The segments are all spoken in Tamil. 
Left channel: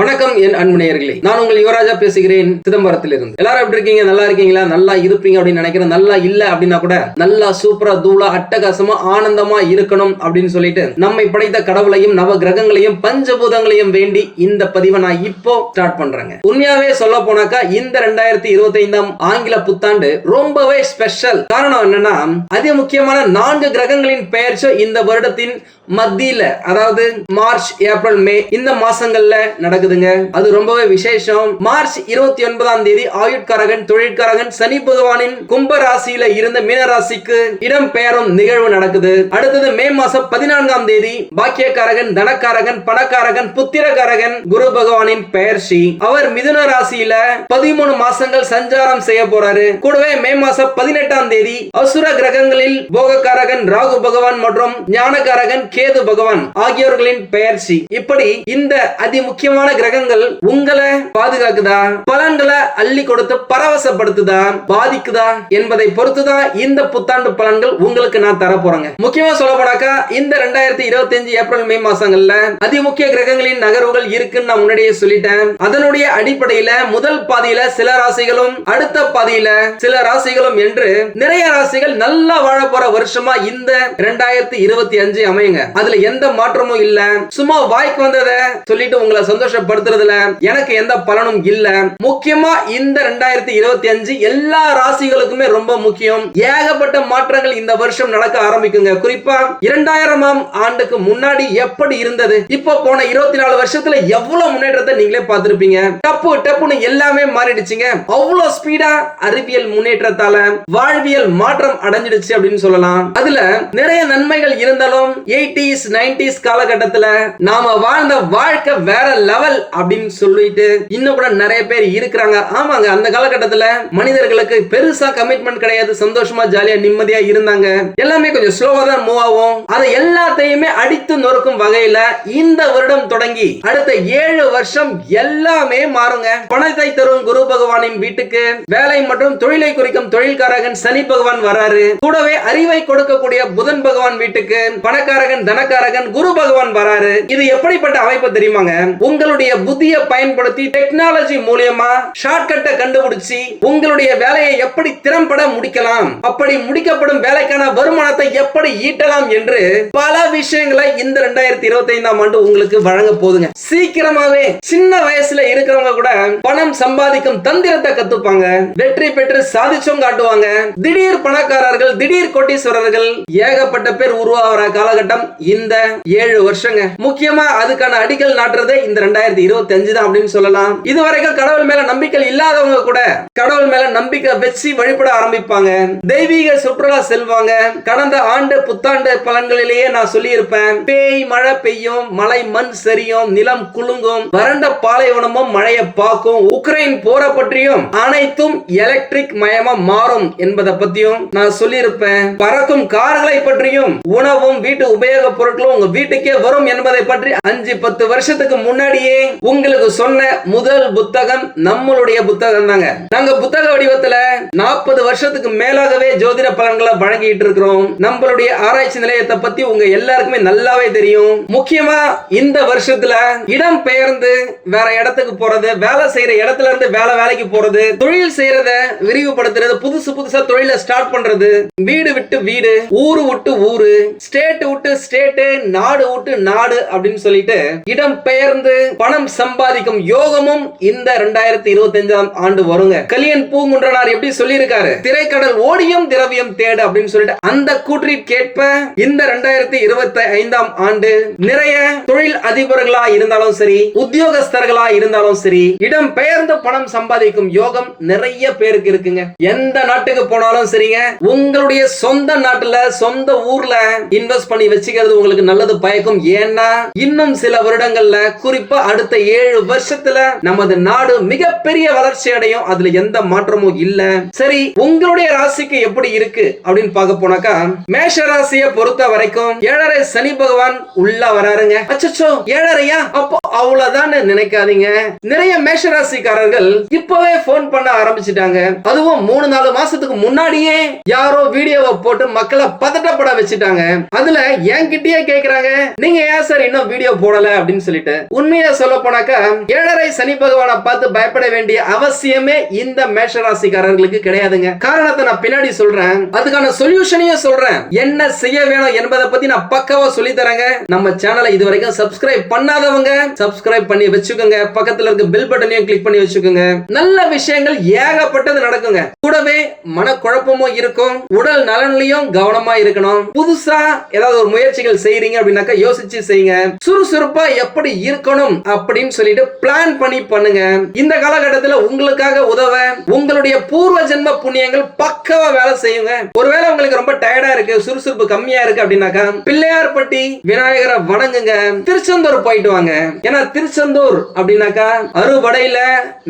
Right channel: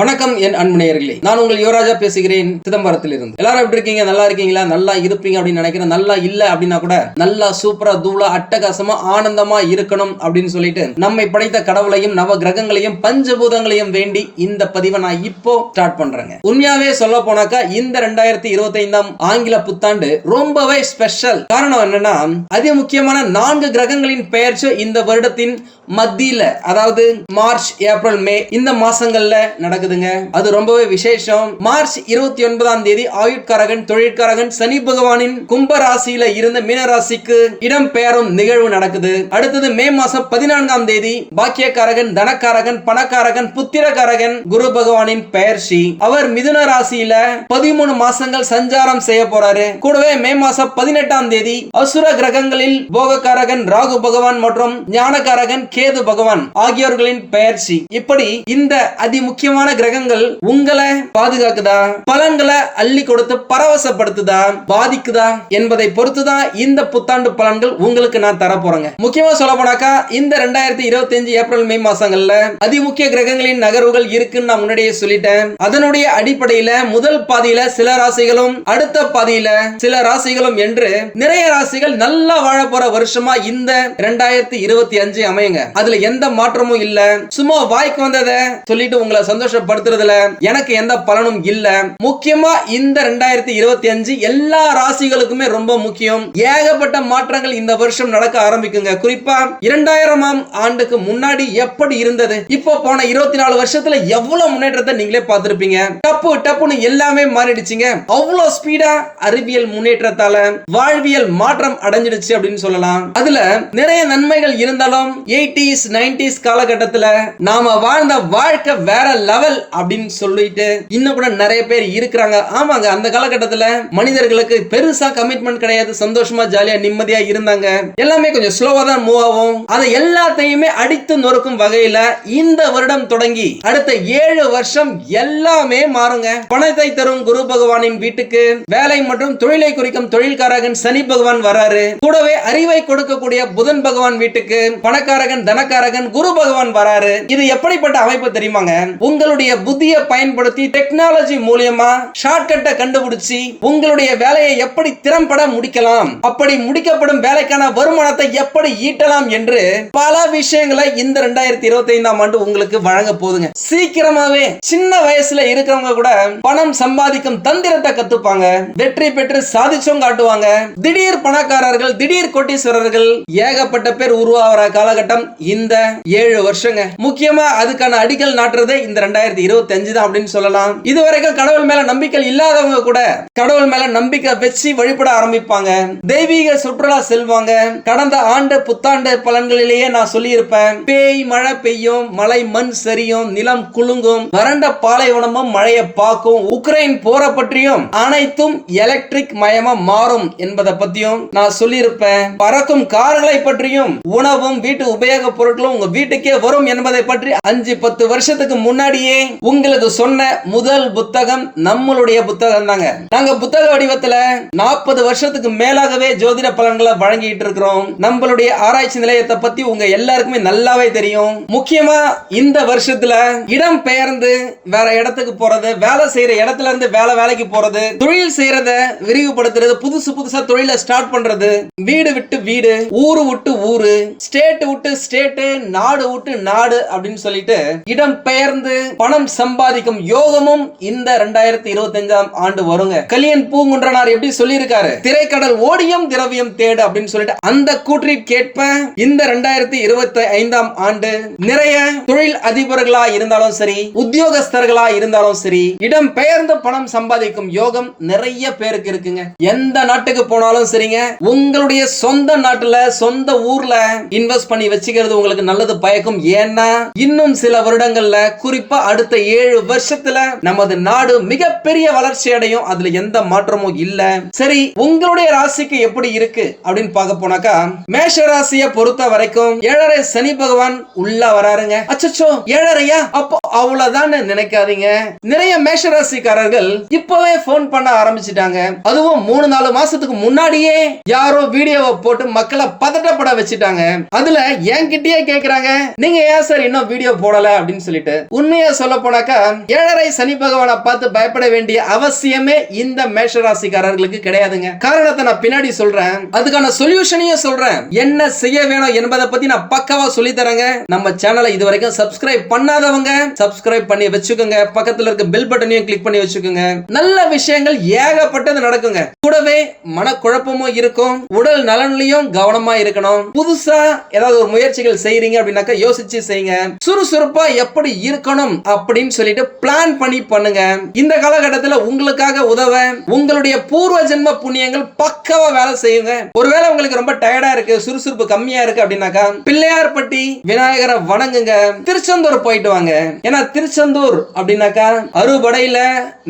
வணக்கம் என் அன்புநேயர்களே. நான் உங்கள் யுவராஜா பேசுகிறேன் சிதம்பரத்தில் இருந்து எல்லாரும் எப்படி இருக்கீங்க? நல்லா இருக்கீங்களா? நல்லா இருப்பீங்க அப்படின்னு நினைக்கிறேன். நல்லா இல்ல அப்படின்னா கூட நல்லா சூப்பரா தூளா அட்டகாசமா ஆனந்தமா இருக்கணும் அப்படின்னு சொல்லிட்டு நம்மை படைத்த கடவுளையும் நவ கிரகங்களையும் பஞ்சபூதங்களையும் வேண்டி இந்த பதிவை நான் இப்போ ஸ்டார்ட் பண்றேங்க. உண்மையாவே சொல்ல போனாக்கா இந்த ரெண்டாயிரத்தி இருபத்தி ஐந்தாம் ஆங்கில புத்தாண்டு ரொம்பவே ஸ்பெஷல் காரணம் என்னன்னா அதி முக்கியமான நான்கு கிரகங்களின் பெயர்ச்சி இந்த வருடத்தின் மத்தியில அதாவது மார்ச் ஏப்ரல் மே இந்த மாசங்கள்ல நடக்குதுங்க. அது ரொம்பவே விசேஷம். மார்ச் இருபத்தி ஒன்பதாம் தேதி ஆயுட்காரகன் தொழிற்காரகன் சனி பகவானின் கும்ப ராசியில இருந்த மீனராசிக்கு இடம் பெயரும் நிகழ்வு நடக்குது. அடுத்தது மே மாசம் பதினான்காம் தேதி பாக்கியக்காரகன் தனக்காரகன் பணக்காரகன் புத்திரக்காரகன் குரு பகவானின் பெயர்ச்சி. அவர் மிதுன ராசியில பதிமூணு மாசங்கள் சஞ்சாரம் செய்ய போறாரு. கூடவே மே மாசம் பதினெட்டாம் தேதி அசுர கிரகங்களில் போகக்காரகன் ராகு பகவான் மற்றும் ஞானக்காரகன் கே கேது பகவான் ஆகியோர்களின் பெயர்ச்சி. இப்படி இந்த அதி முக்கியமான கிரகங்கள் உங்களை பாதுகாக்குதா? பலன்களை அள்ளி கொடுத்து பரவசப்படுத்துதா? பாதிக்குதா? என்பதை பொறுத்துதான் இந்த புத்தாண்டு பலன்கள் உங்களுக்கு நான் தர போறேங்க முக்கியமா சொல்ல போனாக்கா இந்த ரெண்டாயிரத்தி இருபத்தி அஞ்சு ஏப்ரல் மே மாசங்கள்ல அதி முக்கிய கிரகங்களின் நகர்வுகள் இருக்குன்னு நான் முன்னாடியே சொல்லிட்டேன். அதனுடைய அடிப்படையில முதல் பாதியில சில ராசிகளும் அடுத்த பாதியில சில ராசிகளும் என்று நிறைய ராசிகள் நல்லா வாழ போற வருஷமா இந்த ரெண்டாயிரத்தி இருபத்தி அஞ்சு அமையுங்க. அதுல எந்த மாற்றமும் இல்ல. சும்மா வாய்க்கு வந்ததை சொல்லிட்டு உங்களை சந்தோஷப்படுத்துறதுல எனக்கு எந்த பலனும் இல்ல. முக்கியமா இந்த ரெண்டாயிரத்தி இருபத்தி அஞ்சு எல்லா ராசிகளுக்குமே ரொம்ப முக்கியம். ஏகப்பட்ட மாற்றங்கள் இந்த வருஷம் நடக்க ஆரம்பிக்குங்க. குறிப்பா இரண்டாயிரமாம் ஆண்டுக்கு முன்னாடி எப்படி இருந்தது? இப்போ போன இருபத்தி நாலு வருஷத்துல எவ்வளவு முன்னேற்றத்தை நீங்களே பார்த்திருப்பீங்க? டப்பு டப்புன்னு எல்லாமே மாறிடுச்சுங்க. அவ்வளவு ஸ்பீடா அறிவியல் முன்னேற்றத்தால வாழ்வியல் மாற்றம் அடைஞ்சிடுச்சு அப்படின்னு சொல்லலாம். அதுல நிறைய நன்மைகள் இருந்தாலும் எயிட்டிஸ் நைன்டிஸ் காலகட்டத்துல நாம வாழ்ந்த வாழ்க்கை வேற லெவல் அப்படின்னு சொல்லிட்டு இன்னும் கூட நிறைய பேர் இருக்கிறாங்க. ஆமாங்க அந்த காலகட்டத்துல மனிதர்களுக்கு பெருசா கமிட்மெண்ட் கிடையாது. சந்தோஷமா ஜாலியா நிம்மதியா இருந்தாங்க. எல்லாமே கொஞ்சம் ஸ்லோவா தான் மூவ் ஆகும். அதை எல்லாத்தையுமே அடித்து நொறுக்கும் வகையில இந்த வருடம் தொடங்கி அடுத்த ஏழு வருஷம் எல்லாமே மாறுங்க. பணத்தை தரும் குரு பகவானின் வீட்டுக்கு வேலை மற்றும் தொழிலை குறிக்கும் தொழில்காரகன் சனி பகவான் வராரு. கூடவே அறிவை கொடுக்கக்கூடிய புதன் பகவான் வீட்டுக்கு பணக்காரகன் தனக்காரகன் குரு பகவான் வராரு. இது எப்படிப்பட்ட அமைப்பு தெரியுமாங்க? உங்களுடைய புத்தியை பயன்படுத்தி டெக்னாலஜி மூலியமா ஷார்ட்கட்டை கண்டுபிடிச்சு உங்களுடைய வேலையை எப்படி திறம்பட முடிக்கலாம் அப்படி முடிக்கப்படும் வேலைக்கான வருமானத்தை எப்படி ஈட்டலாம் என்று பல விஷயங்களை இந்த ரெண்டாயிரத்தி இருபத்தி ஐந்தாம் ஆண்டு உங்களுக்கு வழங்க போதுங்க. சீக்கிரமாவே சின்ன வயசுல இருக்கிறவங்க கூட பணம் சம்பாதிக்கும் தந்திரத்தை கத்துப்பாங்க. வெற்றி பெற்று சாதிச்சும் காட்டுவாங்க. திடீர் பணக்காரர்கள் திடீர் கோட்டீஸ்வரர்கள் ஏகப்பட்ட பேர் உருவாகிற காலகட்டம் இந்த ஏழு வருஷங்க. முக்கியமா அதுக்கான அடிக்கல் நாட்டுறதே இந்த ரெண்டாயிரத்தி இருபத்தி அஞ்சு தான் அப்படின்னு சொல்லலாம். இதுவரைக்கும் கடவுள் மேல நம்பிக்கை இல்லாதவங்க கூட கடவுள் மேல நம்பிக்கை வச்சு வழிபட ஆரம்பிப்பாங்க. தெய்வீக சுற்றுலா செல்வாங்க. கடந்த ஆண்டு புத்தாண்டு பலன்களிலேயே நான் சொல்லியிருப்பேன். பேய் மழை பெய்யும் மலை மண் சரியும் நிலம் குலுங்கும் வறண்ட பாலைவனமும் மழையை பார்க்கும் உக்ரைன் போரை பற்றியும் அனைத்தும் எலக்ட்ரிக் மயமா மாறும் என்பதை பத்தியும் நான் சொல்லியிருப்பேன். பறக்கும் கார்களை பற்றியும் உணவும் வீட்டு உபயோக பொருட்களும் உங்க வீட்டுக்கே வரும் என்பதை பற்றி அஞ்சு பத்து வருஷத்துக்கு முன்னாடியே உங்களுக்கு சொன்ன முதல் புத்தகம் நம்மளுடைய புத்தகம் தாங்க. நாங்க புத்தக வடிவத்துல நாற்பது வருஷத்துக்கு மேலாகவே ஜோதிட பலன்களை வழங்கிட்டு இருக்கிறோம். நம்மளுடைய ஆராய்ச்சி நிலையத்தை பத்தி உங்க எல்லாருக்குமே நல்லாவே தெரியும். முக்கியமா இந்த வருஷத்துல இடம் பெயர்ந்து வேற இடத்துக்கு போறது வேலை செய்யற இடத்துல இருந்து வேலை வேலைக்கு போறது தொழில் செய்யறத விரிவுபடுத்துறது புதுசு புதுசா தொழிலை ஸ்டார்ட் பண்றது வீடு விட்டு வீடு ஊரு விட்டு ஊரு ஸ்டேட் விட்டு ஸ்டேட்டு நாடு விட்டு நாடு அப்படின்னு சொல்லிட்டு இடம் பெயர்ந்து பணம் சம்பாதிக்கும் யோகமும் இந்த ரெண்டாயிரத்தி இருபத்தி அஞ்சாம் ஆண்டு வருங்க. கலியன் பூங்குன்றனார் எப்படி சொல்லியிருக்காரு? திரைக்கடல் ஓடியும் திரவியம் தேடு அப்படின்னு சொல்லிட்டு அந்த கூற்றிற்கேற்ப இந்த ரெண்டாயிரத்தி இருபத்தி ஐந்தாம் ஆண்டு நிறைய தொழில் அதிபர்களா இருந்தாலும் சரி உத்தியோகஸ்தர்களா இருந்தாலும் சரி இடம் பெயர்ந்து பணம் சம்பாதிக்கும் யோகம் நிறைய பேருக்கு இருக்குங்க. எந்த நாட்டுக்கு போனாலும் சரிங்க உங்களுடைய சொந்த நாட்டுல சொந்த ஊர்ல இன்வெஸ்ட் பண்ணி வச்சுக்க வச்சுக்கிறது உங்களுக்கு நல்லது பயக்கும். ஏன்னா இன்னும் சில வருடங்கள்ல குறிப்பா அடுத்த ஏழு வருஷத்துல நமது நாடு மிகப்பெரிய வளர்ச்சி அடையும். அதுல எந்த மாற்றமும் இல்ல. சரி உங்களுடைய ராசிக்கு எப்படி இருக்கு? அப்படின்னு பார்க்க போனாக்கா மேஷ ராசியை பொறுத்த வரைக்கும் ஏழரை சனி பகவான் உள்ள வராருங்க. அச்சோ ஏழரையா? அப்போ அவ்வளவுதான் நினைக்காதீங்க. நிறைய மேஷ ராசிக்காரர்கள் இப்பவே போன் பண்ண ஆரம்பிச்சிட்டாங்க. அதுவும் மூணு நாலு மாசத்துக்கு முன்னாடியே யாரோ வீடியோவை போட்டு மக்களை பதட்டப்பட வச்சுட்டாங்க. அதுல என் என்கிட்டயே கேக்குறாங்க. நீங்க ஏன் சார் இன்னும் வீடியோ போடல அப்படின்னு சொல்லிட்டு? உண்மையா சொல்ல போனாக்கா ஏழரை சனி பகவானை பார்த்து பயப்பட வேண்டிய அவசியமே இந்த மேஷராசிக்காரர்களுக்கு கிடையாதுங்க. காரணத்தை நான் பின்னாடி சொல்றேன். அதுக்கான சொல்யூஷனையும் சொல்றேன். என்ன செய்ய வேணும் என்பதை பத்தி நான் பக்கவா சொல்லி தரேங்க நம்ம சேனலை இது வரைக்கும் சப்ஸ்கிரைப் பண்ணாதவங்க சப்ஸ்கிரைப் பண்ணி வச்சுக்கோங்க. பக்கத்துல இருக்க பெல் பட்டனையும் கிளிக் பண்ணி வச்சுக்கோங்க. நல்ல விஷயங்கள் ஏகப்பட்டது நடக்குங்க. கூடவே மனக்குழப்பமும் இருக்கும். உடல் நலன்லயும் கவனமா இருக்கணும். புதுசா ஏதாவது ஒரு முயற்சி முயற்சிகள் செய்யறீங்க அப்படின்னாக்கா யோசிச்சு செய்யுங்க. சுறுசுறுப்பா எப்படி இருக்கணும் அப்படின்னு சொல்லிட்டு பிளான் பண்ணி பண்ணுங்க. இந்த காலகட்டத்துல உங்களுக்காக உதவ உங்களுடைய பூர்வ ஜென்ம புண்ணியங்கள் பக்கவா வேலை செய்யுங்க. ஒருவேளை உங்களுக்கு ரொம்ப டயர்டா இருக்கு சுறுசுறுப்பு கம்மியா இருக்கு அப்படின்னாக்கா பிள்ளையார்பட்டி விநாயகரை வணங்குங்க. திருச்செந்தூர் போயிட்டு வாங்க. ஏன்னா திருச்செந்தூர் அப்படின்னாக்கா அறுபடையில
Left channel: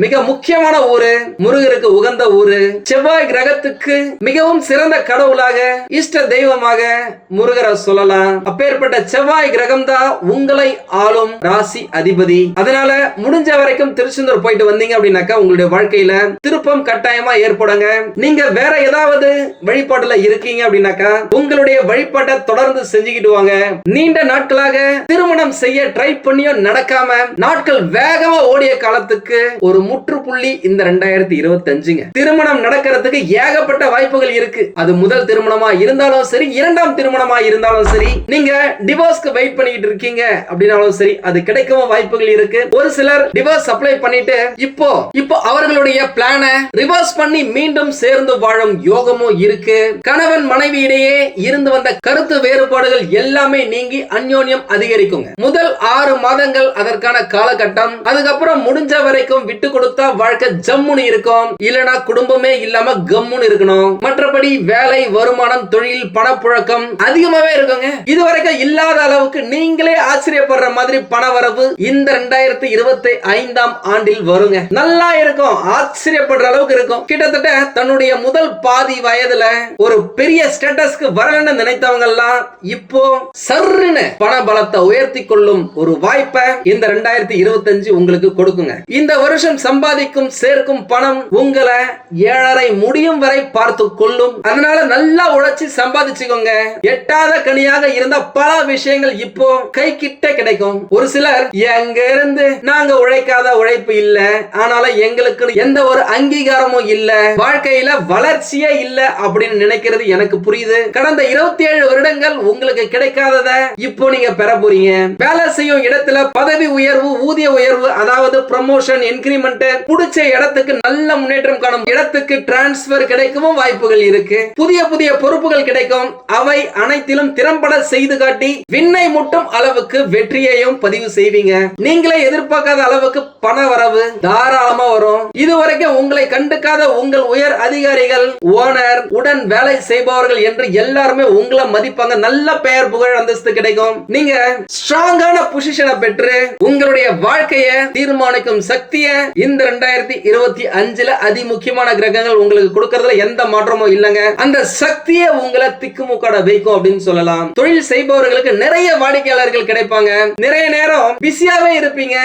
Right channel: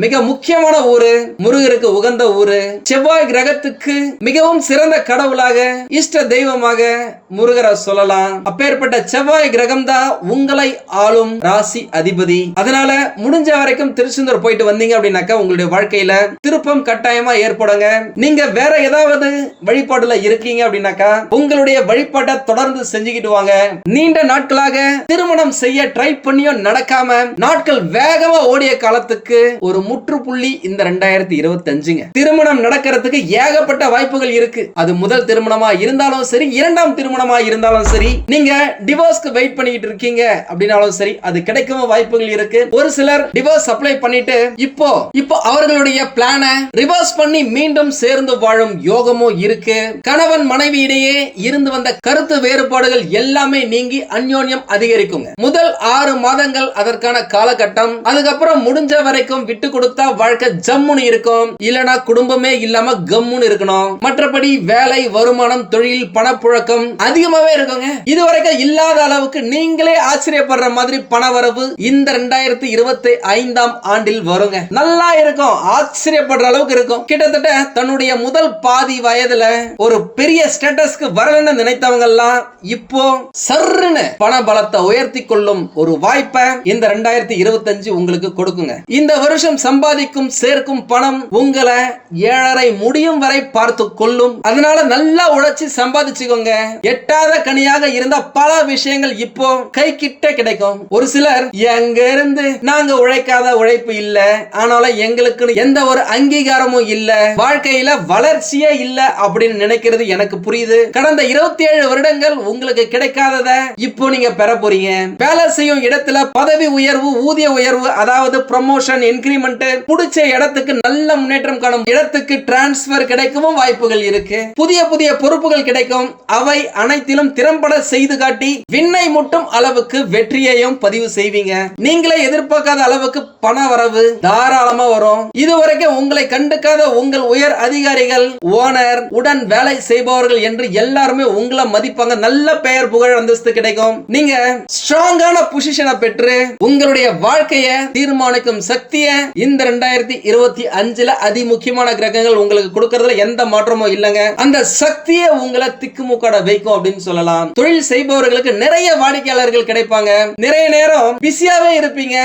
மிக முக்கியமான ஊரு முருகருக்கு உகந்த ஊரு. செவ்வாய் கிரகத்துக்கு மிகவும் சிறந்த கடவுளாக இஷ்ட தெய்வமாக முருகரை சொல்லலாம். அப்பேற்பட்ட செவ்வாய் கிரகம் தான் உங்களை ஆளும் ராசி அதிபதி. அதனால முடிஞ்ச வரைக்கும் திருச்செந்தூர் போயிட்டு வந்தீங்க அப்படின்னாக்கா உங்களுடைய வாழ்க்கையில திருப்பம் கட்டாயமா ஏற்படுங்க. நீங்க வேற ஏதாவது வழிபாடுல இருக்கீங்க அப்படின்னாக்கா உங்களுடைய வழிபாட்டை தொடர்ந்து செஞ்சுக்கிட்டு வாங்க. நீண்ட நாட்களாக திருமணம் செய்ய ட்ரை பண்ணியும் நடக்காம நாட்கள் வேகமா ஓடிய காலத்துக்கு ஒரு முற்றுப்புள்ளி இந்த ரெண்டாயிரத்தி இருபத்தி அஞ்சுங்க திருமணம் நடக்கிறதுக்கு ஏகப்பட்ட வாய்ப்புகள் இருக்கு. அது முதல் திருமணமா இருந்தாலும் சரி இரண்டாம் திருமணமா இருந்தாலும் சரி நீங்க டிவோர்ஸ்க்கு வெயிட் பண்ணிட்டு இருக்கீங்க அப்படின்னாலும் சரி அது கிடைக்கவும் வாய்ப்புகள் இருக்கு. ஒரு சிலர் டிவோர்ஸ் அப்ளை பண்ணிட்டு இப்போ இப்போ அவர்களுடைய பிளான ரிவர்ஸ் பண்ணி மீண்டும் சேர்ந்து வாழும் யோகமும் இருக்கு. கணவன் மனைவி இடையே இருந்து வந்த கருத்து வேறுபாடுகள் எல்லாமே நீங்கி அந்யோன்யம் அதிகரிக்குங்க. முதல் ஆறு மாதங்கள் அதற்கான காலகட்டம். அதுக்கப்புறம் முடிஞ்ச வரைக்கும் விட்டு கொடுத்தா வாழ்க்கை ஜம்முன்னு இருக்கும். இல்லனா குடும்பமே இல்லாம கம்முன்னு இருக்கணும். மற்றபடி வேலை வருமானம் தொழில் பணப்புழக்கம் அதிகமாவே இருக்குங்க. இதுவரைக்கும் இல்லாத அளவுக்கு நீங்களே ஆச்சரியப்படுற மாதிரி பண வரவு இந்த ரெண்டாயிரத்தி இருபத்தி ஐந்தாம் ஆண்டில் வருங்க. நல்லா இருக்கும் ஆச்சரியப்படுற அளவுக்கு இருக்கும். கிட்டத்தட்ட தன்னுடைய முதல் பாதி வயதுல ஒரு பெரிய ஸ்டேட்டஸ்க்கு வரணும்னு நினைத்தவங்க எல்லாம் இப்போ சர்ன்னு பண பலத்தை உயர்த்தி கொள்ளும் ஒரு வாய்ப்பை இந்த ரெண்டாயிரத்தி இருபத்தஞ்சு உங்களுக்கு கொடுக்குங்க. இந்த வருஷம் சம்பாதிக்கும் சேர்க்கும் பணம் உங்களை ஏழரை முடியும் வரை பார்த்து கொள்ளும். அதனால நல்லா உழைச்சி சம்பாதிச்சுக்கோங்க. எட்டாத கனியாக இருந்த பல விஷயங்கள் இப்போ கை கிட்ட கிடைக்கும். ஒரு சிலர் எங்க இருந்து நாங்க உழைக்காத உழைப்பு இல்ல ஆனாலும் எங்களுக்கு எந்த ஒரு அங்கீகாரமும் இல்ல வாழ்க்கையில வளர்ச்சியே இல்ல அப்படின்னு நினைக்கிறது எனக்கு புரியுது. கடந்த இருபத்தி ஏழு வருடங்கள் உங்களுக்கு கிடைக்காதத இப்போ நீங்க பெற போறீங்க. வேலை செய்யும் இடத்துல பதவி உயர்வு ஊதிய உயர்வு அதாவது ப்ரமோஷன் இன்கிரிமெண்ட் புடிச்ச இடத்துக்கு நல்ல முன்னேற்றம் காணும் இடத்துக்கு டிரான்ஸ்பர் கிடைக்கவும் வாய்ப்புகள் இருக்கு. புதிய புதிய பொறுப்புகள் கிடைக்கும். அவை அனைத்திலும் திறம்பட செய்து காட்டி விண்ணை முட்டும் அளவுக்கு வெற்றியையும் பதிவு செய்வீங்க. நீங்களே எதிர்பார்க்காத அளவுக்கு பண வரவு தாராளமா வரும். இதுவரைக்கும் உங்களை கண்டுக்காத உங்கள் உயர் அதிகாரிகள் ஓனர் உடன் வேலை செய்பவர்கள் என்று எல்லாருமே உங்களை மதிப்பாங்க. நல்ல பெயர் புகழ் அந்தஸ்து கிடைக்கும். நீங்க ஸ்ட்ராங்கான பொசிஷனை பெற்று உங்களுடைய வாழ்க்கையை தீர்மானிக்கும் சக்தியை இந்த ரெண்டாயிரத்தி இருபத்தி அஞ்சுல அதிமுக்கியமான கிரகங்கள் உங்களுக்கு கொடுக்கறதுல எந்த மாற்றமும் இல்லைங்க. அந்த சக்தியை உங்களை திக்குமுக்காட வைக்கும் அப்படின்னு சொல்லலாம். தொழில் செய்பவர்களுக்கு நிறைய வாடிக்கையாளர்கள் கிடைப்பாங்க. நிறைய நேரம் பிஸியாவே இருப்பீங்க.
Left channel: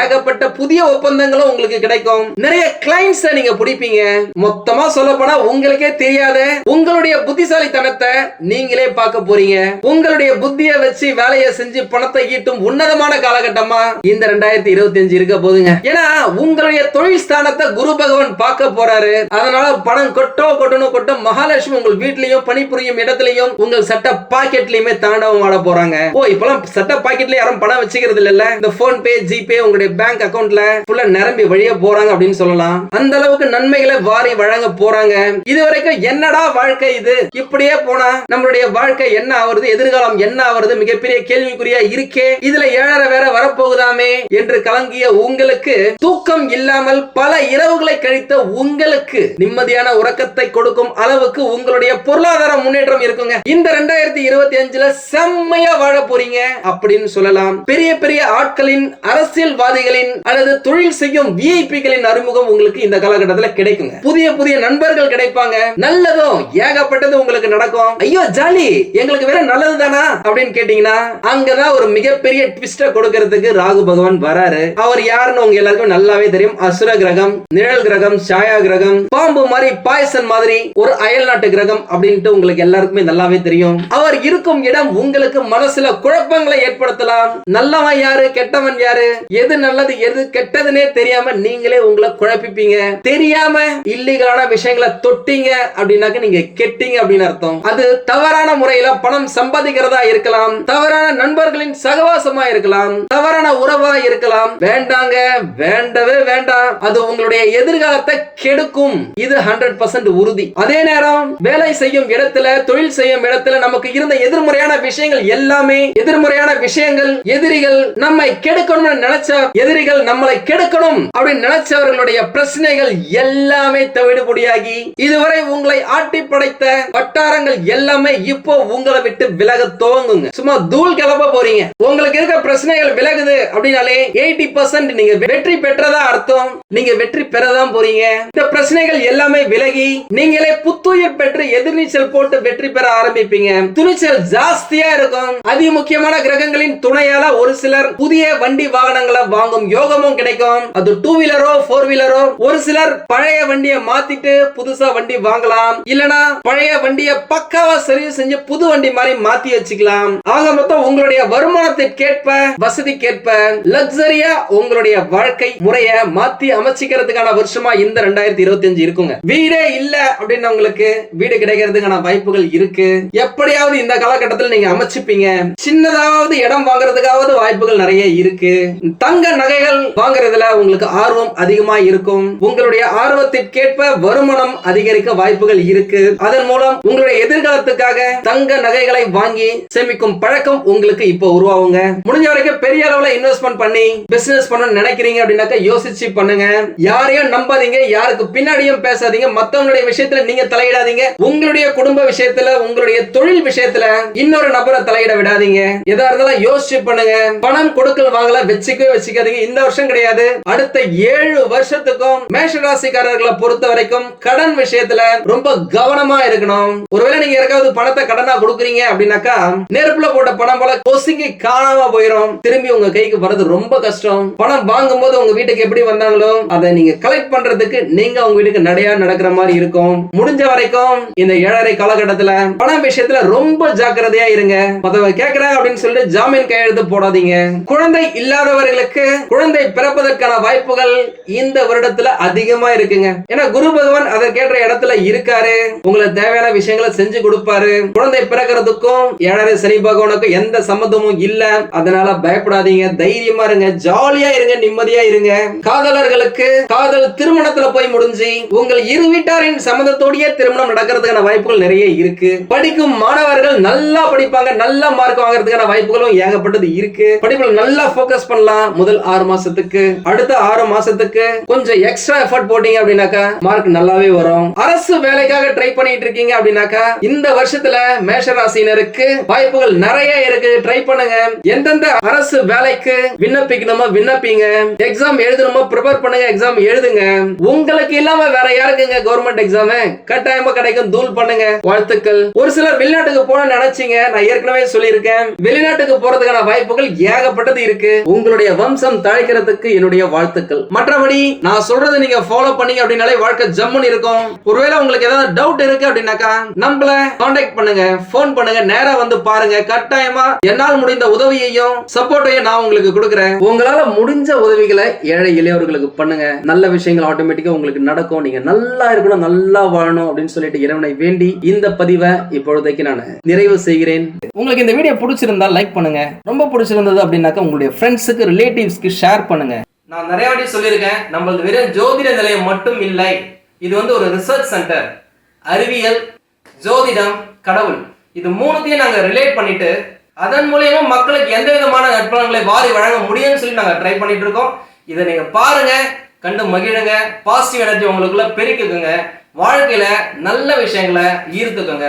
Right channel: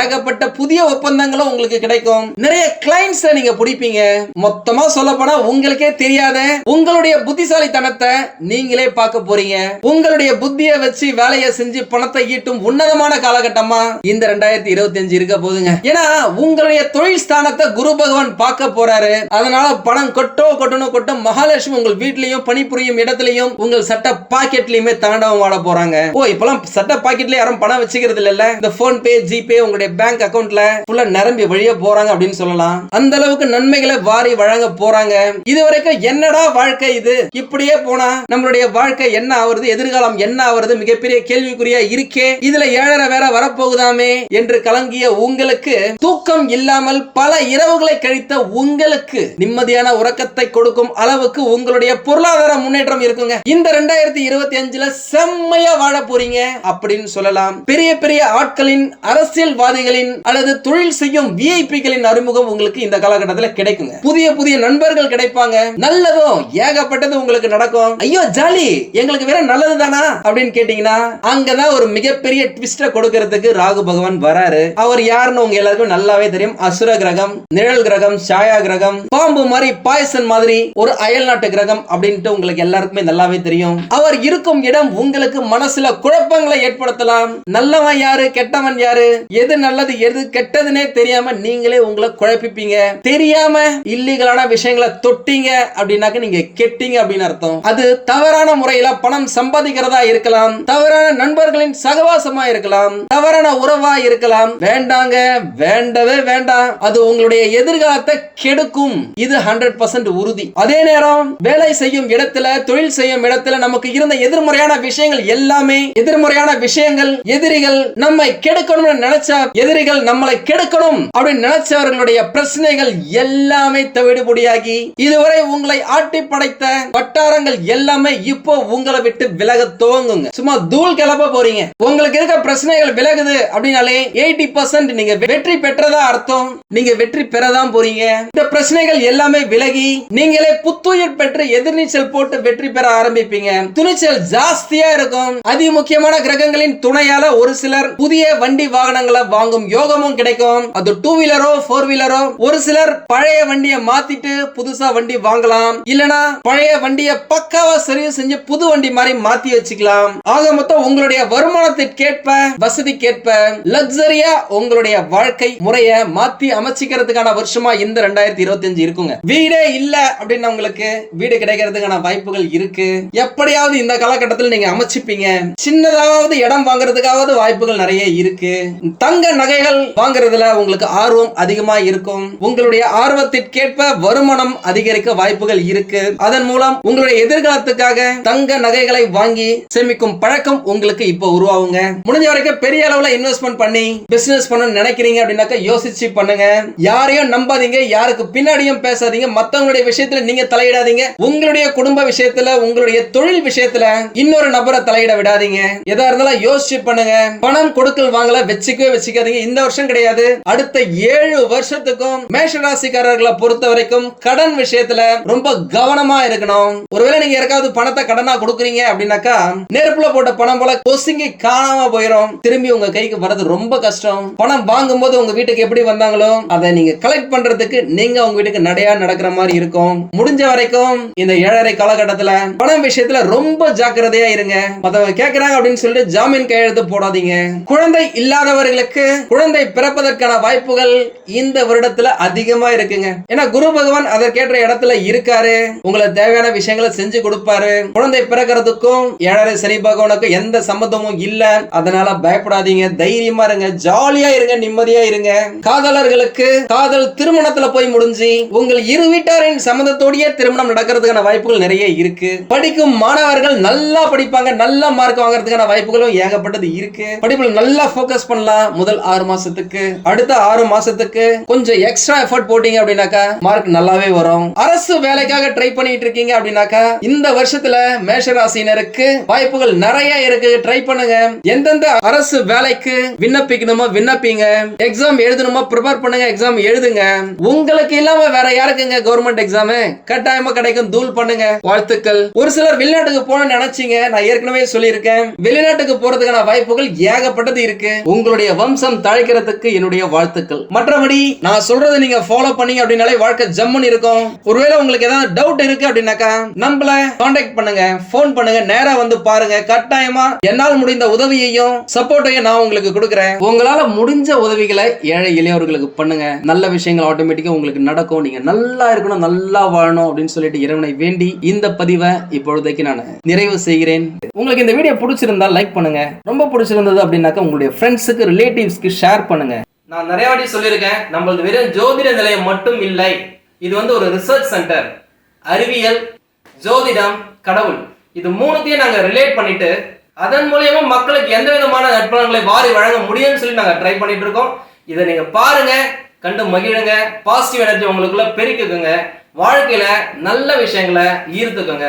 ஏகப்பட்ட புதிய ஒப்பந்தங்களும் உங்களுக்கு கிடைக்கும். நிறைய கிளைண்ட்ஸ் நீங்க பிடிப்பீங்க. மொத்தமா சொல்ல போனா உங்களுக்கே தெரியாத உங்களுடைய புத்திசாலித்தனத்தை நீங்களே பார்க்க போறீங்க. உங்களுடைய புத்திய வச்சு வேலையை செஞ்சு பணத்தை ஈட்டும் உன்னதமான காலகட்டமா இந்த ரெண்டாயிரத்தி இருபத்தி அஞ்சு இருக்க போதுங்க ஏன்னா உங்களுடைய தொழில் ஸ்தானத்தை குரு பகவான் பார்க்க போறாரு. அதனால பணம் கொட்டோ கொட்டணும் கொட்டும் மகாலட்சுமி உங்கள் வீட்லயும் பணிபுரியும் இடத்துலயும் உங்கள் சட்ட பாக்கெட்லயுமே தாண்டவம் ஆட போறாங்க. ஓ இப்பெல்லாம் சட்ட பாக்கெட்ல யாரும் பணம் வச்சுக்கிறது இல்ல இந்த போன் பே ஜிபே உங்களுடைய பேங்க் அக்கவுண்ட்ல ஃபுல்லா நிரம்பி வழிய போறாங்க அப்படின்னு சொல்லலாம். அந்த அளவுக்கு நன்மைகளை வாரி வழங்க போறாங்க. இது வரைக்கும் என்னடா வாழ்க்கை இது? இப்படியே போனா நம்மளுடைய வாழ்க்கை என்ன ஆவறது எதிர்காலம் என்ன ஆவறது மிகப்பெரிய கேள்விக்குறியா இருக்கே. இதுல ஏழரை வேற வரப்போகுதாமே என்று கலங்கிய உங்களுக்கு தூக்கம் இல்லாமல் பல இரவுகளை கழித்த உங்களுக்கு நிம்மதியான உறக்கத்தை கொடுக்கும் அளவுக்கு உங்களுடைய பொருளாதார முன்னேற்றம் இருக்குங்க. இந்த ரெண்டாயிரத்தி இருபத்தி அஞ்சுல செம்மையா வாழ போறீங்க அப்படின்னு சொல்லலாம். பெரிய பெரிய ஆட்களின் அரசியல்வாதிகளின் அல்லது தொழில் செய்யும் விஐபிகளின் அறிமுகம் உங்களுக்கு இந்த காலகட்டத்தில் கிடைக்குங்க. புதிய புதிய நண்பர்கள் கிடைப்பாங்க. நல்லதும் ஏகப்பட்டது உங்களுக்கு நடக்கும். ஐயோ ஜாலி! எங்களுக்கு வேற நல்லது தானா அப்படின்னு கேட்டீங்கன்னா அங்கதான் ஒரு மிகப்பெரிய ட்விஸ்ட கொடுக்கறதுக்கு ராகு பகவான் வராரு. அவர் யாருன்னு உங்க எல்லாருக்கும் நல்லாவே தெரியும். அசுர கிரகம் நிழல் கிரகம் சாயா கிரகம் பாம்பு மாதிரி பாய்சன் மாதிரி ஒரு அயல் நாட்டு கிரகம் அப்படின்ட்டு உங்களுக்கு எல்லாருக்குமே நல்லாவே தெரியும். அவர் இருக்கும் இடம் உங்களுக்கு மனசுல குழப்பங்களை ஏற்படுத்தலாம். நல்லவன் யாரு கெட்டவன் யாரு எது நல்லது எது கெட்டதுன்னே தெரியாம நீங்களே உங்களை குழப்பிப்பீங்க. தெரியாம இல்லீகலான விஷயங்களை தொட்டீங்க அப்படின்னாக்க நீங்க கெட்டீங்க அப்படின்னு அர்த்தம். அது தவறான முறையில பணம் சம்பாதிக்கிறதா இருக்கலாம். தவறான நண்பர்களின் சகவாசமா இருக்கலாம். தவறான உறவா இருக்கலாம். வேண்டாங்க வேண்டவே வேண்டாம். அது உங்களுடைய எதிர்காலத்தை கெடுக்கும். இது ஹண்ட்ரட் பர்சன்ட் உறுதி. அதே நேரம் வேலை செய்யும் இடத்துல தொழில் செய்யும் இடத்துல நமக்கு இருந்த எதிர்மறையான விஷயங்கள் எல்லாமே எதிர்மறையான விஷயங்கள். எதிரிகள் நம்மை கெடுக்கணும்னு நினைச்ச எதிரிகள் நம்மளை கெடுக்கணும் அப்படின்னு நினைச்சவர்களுடைய பிரச்சனைகள் எல்லாமே தவிடுபடியாகி இதுவரை உங்களை ஆட்டி படைத்த வட்டாரங்கள் எல்லாமே இப்போ உங்களை விட்டு விலக துவங்குங்க. சும்மா தூள் கிளப்ப போறீங்க. உங்களுக்கு இருக்க பிரச்சனைகள் விலகுது அப்படின்னாலே எயிட்டி பர்சன்ட் நீங்க வெற்றி பெற்றதா அர்த்தம். நீங்க வெற்றி பெறதான் போறீங்க. இந்த பிரச்சனைகள் எல்லாமே விலகி நீங்களே புத்துயிர் பெற்று எதிர்நீச்சல் போட்டு வெற்றி பெற ஆரம்பிப்பீங்க. துணிச்சல் ஜா ஜாஸ்தியா இருக்கும். அதி முக்கியமான கிரகங்களின் துணையால ஒரு சிலர் புதிய வண்டி வாகனங்களை வாங்கும் யோகமும் கிடைக்கும். அது டூ வீலரோ ஃபோர் வீலரோ ஒரு சிலர் பழைய வண்டியை மாத்திட்டு புதுசா வண்டி வாங்கலாம். இல்லனா பழைய வண்டியை பக்காவா சர்வீஸ் செஞ்சு புது வண்டி மாதிரி மாத்தி வச்சுக்கலாம். ஆக மொத்தம் உங்களுடைய வருமானத்திற்கேற்ப வசதிக்கேற்ப லக்ஸரியா உங்களுடைய வாழ்க்கை முறைய மாத்தி அமைச்சிக்கிறதுக்கான வருஷமா இந்த ரெண்டாயிரத்தி இருபத்தி அஞ்சு இருக்குங்க. வீடே இல்ல அப்படின்னு உங்களுக்கு வீடு கிடைக்கிறதுக்கான வாய்ப்புகள் இருக்கு. எப்படியாவது இந்த காலகட்டத்தில் இடத்துல நீங்க அமைச்சுப்பீங்க. சின்னதாவது இடம் வாங்குறதுக்காவது வாய்ப்புகள் நிறைய இருக்கு. தங்க நகைகள் வாங்குறதுல உங்களுக்கு ஆர்வம் அதிகமா இருக்கும். உங்களுடைய ஆர்வத்திற்கேற்ப வருமானம் அதிகரிக்க வாய்ப்புகள் இருக்கு. அதன் மூலம் உங்களுடைய எதிர்காலத்துக்காக தங்க நகைகளை வாங்கி சேமிக்கும் பழக்கம் உங்களுக்கு இப்போ உருவாகுங்க. முடிஞ்ச வரைக்கும் பெரிய அளவுல இன்வெஸ்ட்மெண்ட் பண்ணி பிசினஸ் பண்ண நினைக்கிறீங்க அப்படின்னாக்க யோசிச்சு பண்ணுங்க. யாரையும் நம்பாதீங்க. யாருக்கு பின்னாடியும் பேசாதீங்க. மத்தவங்களுடைய விஷயத்துல நீங்க தலையிடாதீங்க. உங்களுடைய குடும்ப விஷயத்துல உங்களுடைய தொழில் விஷயத்துல இன்னொரு நபரை தலையிட விடாதீங்க. எதா இருந்தாலும் யோசிச்சு பண்ணுங்க. பணம் கொடுக்கல் வாங்கல வச்சுக்கவே வச்சுக்காதீங்க. இந்த வருஷம் கிடையாது. அடுத்த ஏழு வருஷத்துக்கும் மேஷ ராசிக்காரர்களை பொறுத்த வரைக்கும் கடன் விஷயத்துல ரொம்ப கவனமா இருக்கணும். ஒருவேளை நீங்க யாருக்காவது பணத்தை கடனா கொடுக்குறீங்க அப்படின்னாக்கா நெருப்புல போட்ட பணம் போல கொசுங்கி காணாம போயிடும் திரும்பி உங்க கைக்கு வர்றது ரொம்ப கஷ்டம். பணம் வாங்கும்போது உங்க வீட்டுக்கு எப்படி வந்தாங்களோ அதை நீங்க கலெக்ட் பண்றதுக்கு நீங்க உங்க வீட்டுக்கு நடையா நடக்கிற மாதிரி இருக்கும். முடிஞ்ச வரைக்கும் இந்த ஏழரை காலகட்டத்துல பணம் விஷயத்துல ரொம்ப ஜாக்கிரதை ஜாக்கிரதையா இருங்க. மத்தவங்க கேக்குறாங்க அப்படின்னு சொல்லிட்டு ஜாமீன் கையெழுத்து போடாதீங்க. குழந்தை இல்லாதவர்களுக்கு குழந்தை பிறப்பதற்கான வாய்ப்புகள் இந்த வருடத்துல அதிகமா இருக்குங்க. ஏன்னா குரு பகவான் அதற்கேற்ற இடத்துல இருக்காரு. உங்களுக்கு தேவையான விஷயங்களை செஞ்சு கொடுப்பாரு. குழந்தை பிறக்கிறதுக்கும் ஏழரை சனி பகவானுக்கும் எந்த சம்மந்தமும் இல்ல. அதனால பயப்படாதீங்க. தைரியமா இருங்க. ஜாலியா இருங்க. நிம்மதியா இருங்க. காதலர்களுக்கு காதல் திருமணத்துல போய் முடிஞ்சு உங்கள் இரு வீட்டாரின் சம்மந்தத்தோடயே திருமணம் நடக்கிறதுக்கான வாய்ப்புகள் நிறைய இருக்கு. படிக்கும் மாணவர்கள் நல்லா படிப்பாங்க நல்ல மார்க் வாங்குறதுக்கான வாய்ப்புகளும் ஏகப்பட்டது இருக்கு. படிப்புல நல்லா ஃபோக்கஸ் பண்ணலாம் முதல் ஆறு மாசத்துக்கு. அடுத்த ஆறு மாசத்துக்கு கொஞ்சம் எக்ஸ்ட்ரா எஃபர்ட் போட்டீங்க அப்படின்னாக்கா மார்க் நல்லாவே வரும். அரசு வேலைக்காக ட்ரை பண்ணிட்டு இருக்கீங்க அப்படின்னாக்கா இந்த வருஷத்துல மேஷராசினருக்கு வாய்ப்புகள் நிறைய இருக்கு. ட்ரை பண்ணுங்க. எந்தெந்த அரசு வேலைக்கு விண்ணப்பிக்கணுமோ விண்ணப்பிங்க. எக்ஸாம் எழுதணுமோ ப்ரிப்பேர் பண்ணுங்க எக்ஸாம் எழுதுங்க. உங்களுக்கு இல்லாம வேற யாருக்குங்க கவர்மெண்ட் எக்ஸாம் கட்டாயமா கிடைக்கும் தூள் பண்ணுங்க. வாழ்த்துக்கள். ஒரு சிலர் வெளிநாட்டுக்கு போன நினைச்சீங்க நான் ஏற்கனவே சொல்லியிருக்கேன். வெளிநாட்டுக்கு போறதுக்கான வாய்ப்புகள் ஏகப்பட்டது இருக்கு. உங்களுடைய வம்சம் தழைக்கிறதுக்கு என்னுடைய வாழ்த்துக்கள். மற்றபடி நான் சொல்றதை நீங்க ஃபாலோ பண்ணீங்க அப்படின்னாலே வாழ்க்கை ஜம்முன்னு இருக்கும். ஒருவேளை உங்களுக்கு ஏதாவது டவுட் இருக்கு அப்படின்னாக்கா நம்மள காண்டாக்ட் பண்ணுங்க ஃபோன் பண்ணுங்க நேரா வந்து பாருங்க. கட்டாயமா என்னால் முடிந்த உதவியையும் சப்போர்ட்டையும் நான் உங்களுக்கு கொடுக்குறேன். உங்களால முடிஞ்ச உதவிகளை ஏழை இளையவர்களுக்கு பண்ணுங்க. நல்ல விஷயங்கள் ஆட்டோமேட்டிக்கா உங்களுக்கு நடக்கும். நீங்க நல்லா இருக்கணும் நல்லா வாழணும் அப்படின்னு சொல்லிட்டு இறைவனை வேண்டி இந்த பதிவை இப்பொழுதைக்கு நான் நிறைவு செய்கிறேன். உங்களுக்கு இந்த வீடியோ பிடிச்சிருந்தா லைக் பண்ணுங்க. ரொம்ப பிடிச்சிருந்தது அப்படின்னாக்கா உங்களுடைய ஃப்ரெண்ட்ஸுக்கு ரிலேட்டிவ்ஸ்க்கு ஷேர் பண்ணுங்க. நான் நிறைய வாட்டி சொல்லியிருக்கேன் நம்மளது வெறும் ஜோதிட நிலையம் மட்டும் இல்லை. இது வந்து ஒரு ரிசர்ச் சென்டர் அறிவியல் ஜோதிடம் கடவுள். இது மூணுத்தையும் நாங்கள் ரிலேட் பண்ணிட்டு அதன் மூலயமா மக்களுக்கு எந்த விதமான நற்பலன்களை வாரி வழங்க முடியும்னு சொல்லி நாங்கள் ட்ரை பண்ணிட்டு இருக்கோம். இதை நீங்க பாருங்க கண்டு மகிழுங்க பாசிட்டிவ் எனர்ஜி உங்களுக்குள்ள பெருக்குங்க. வாழ்க்கையில நல்ல விஷயங்களை ஈர்த்துக்குங்க.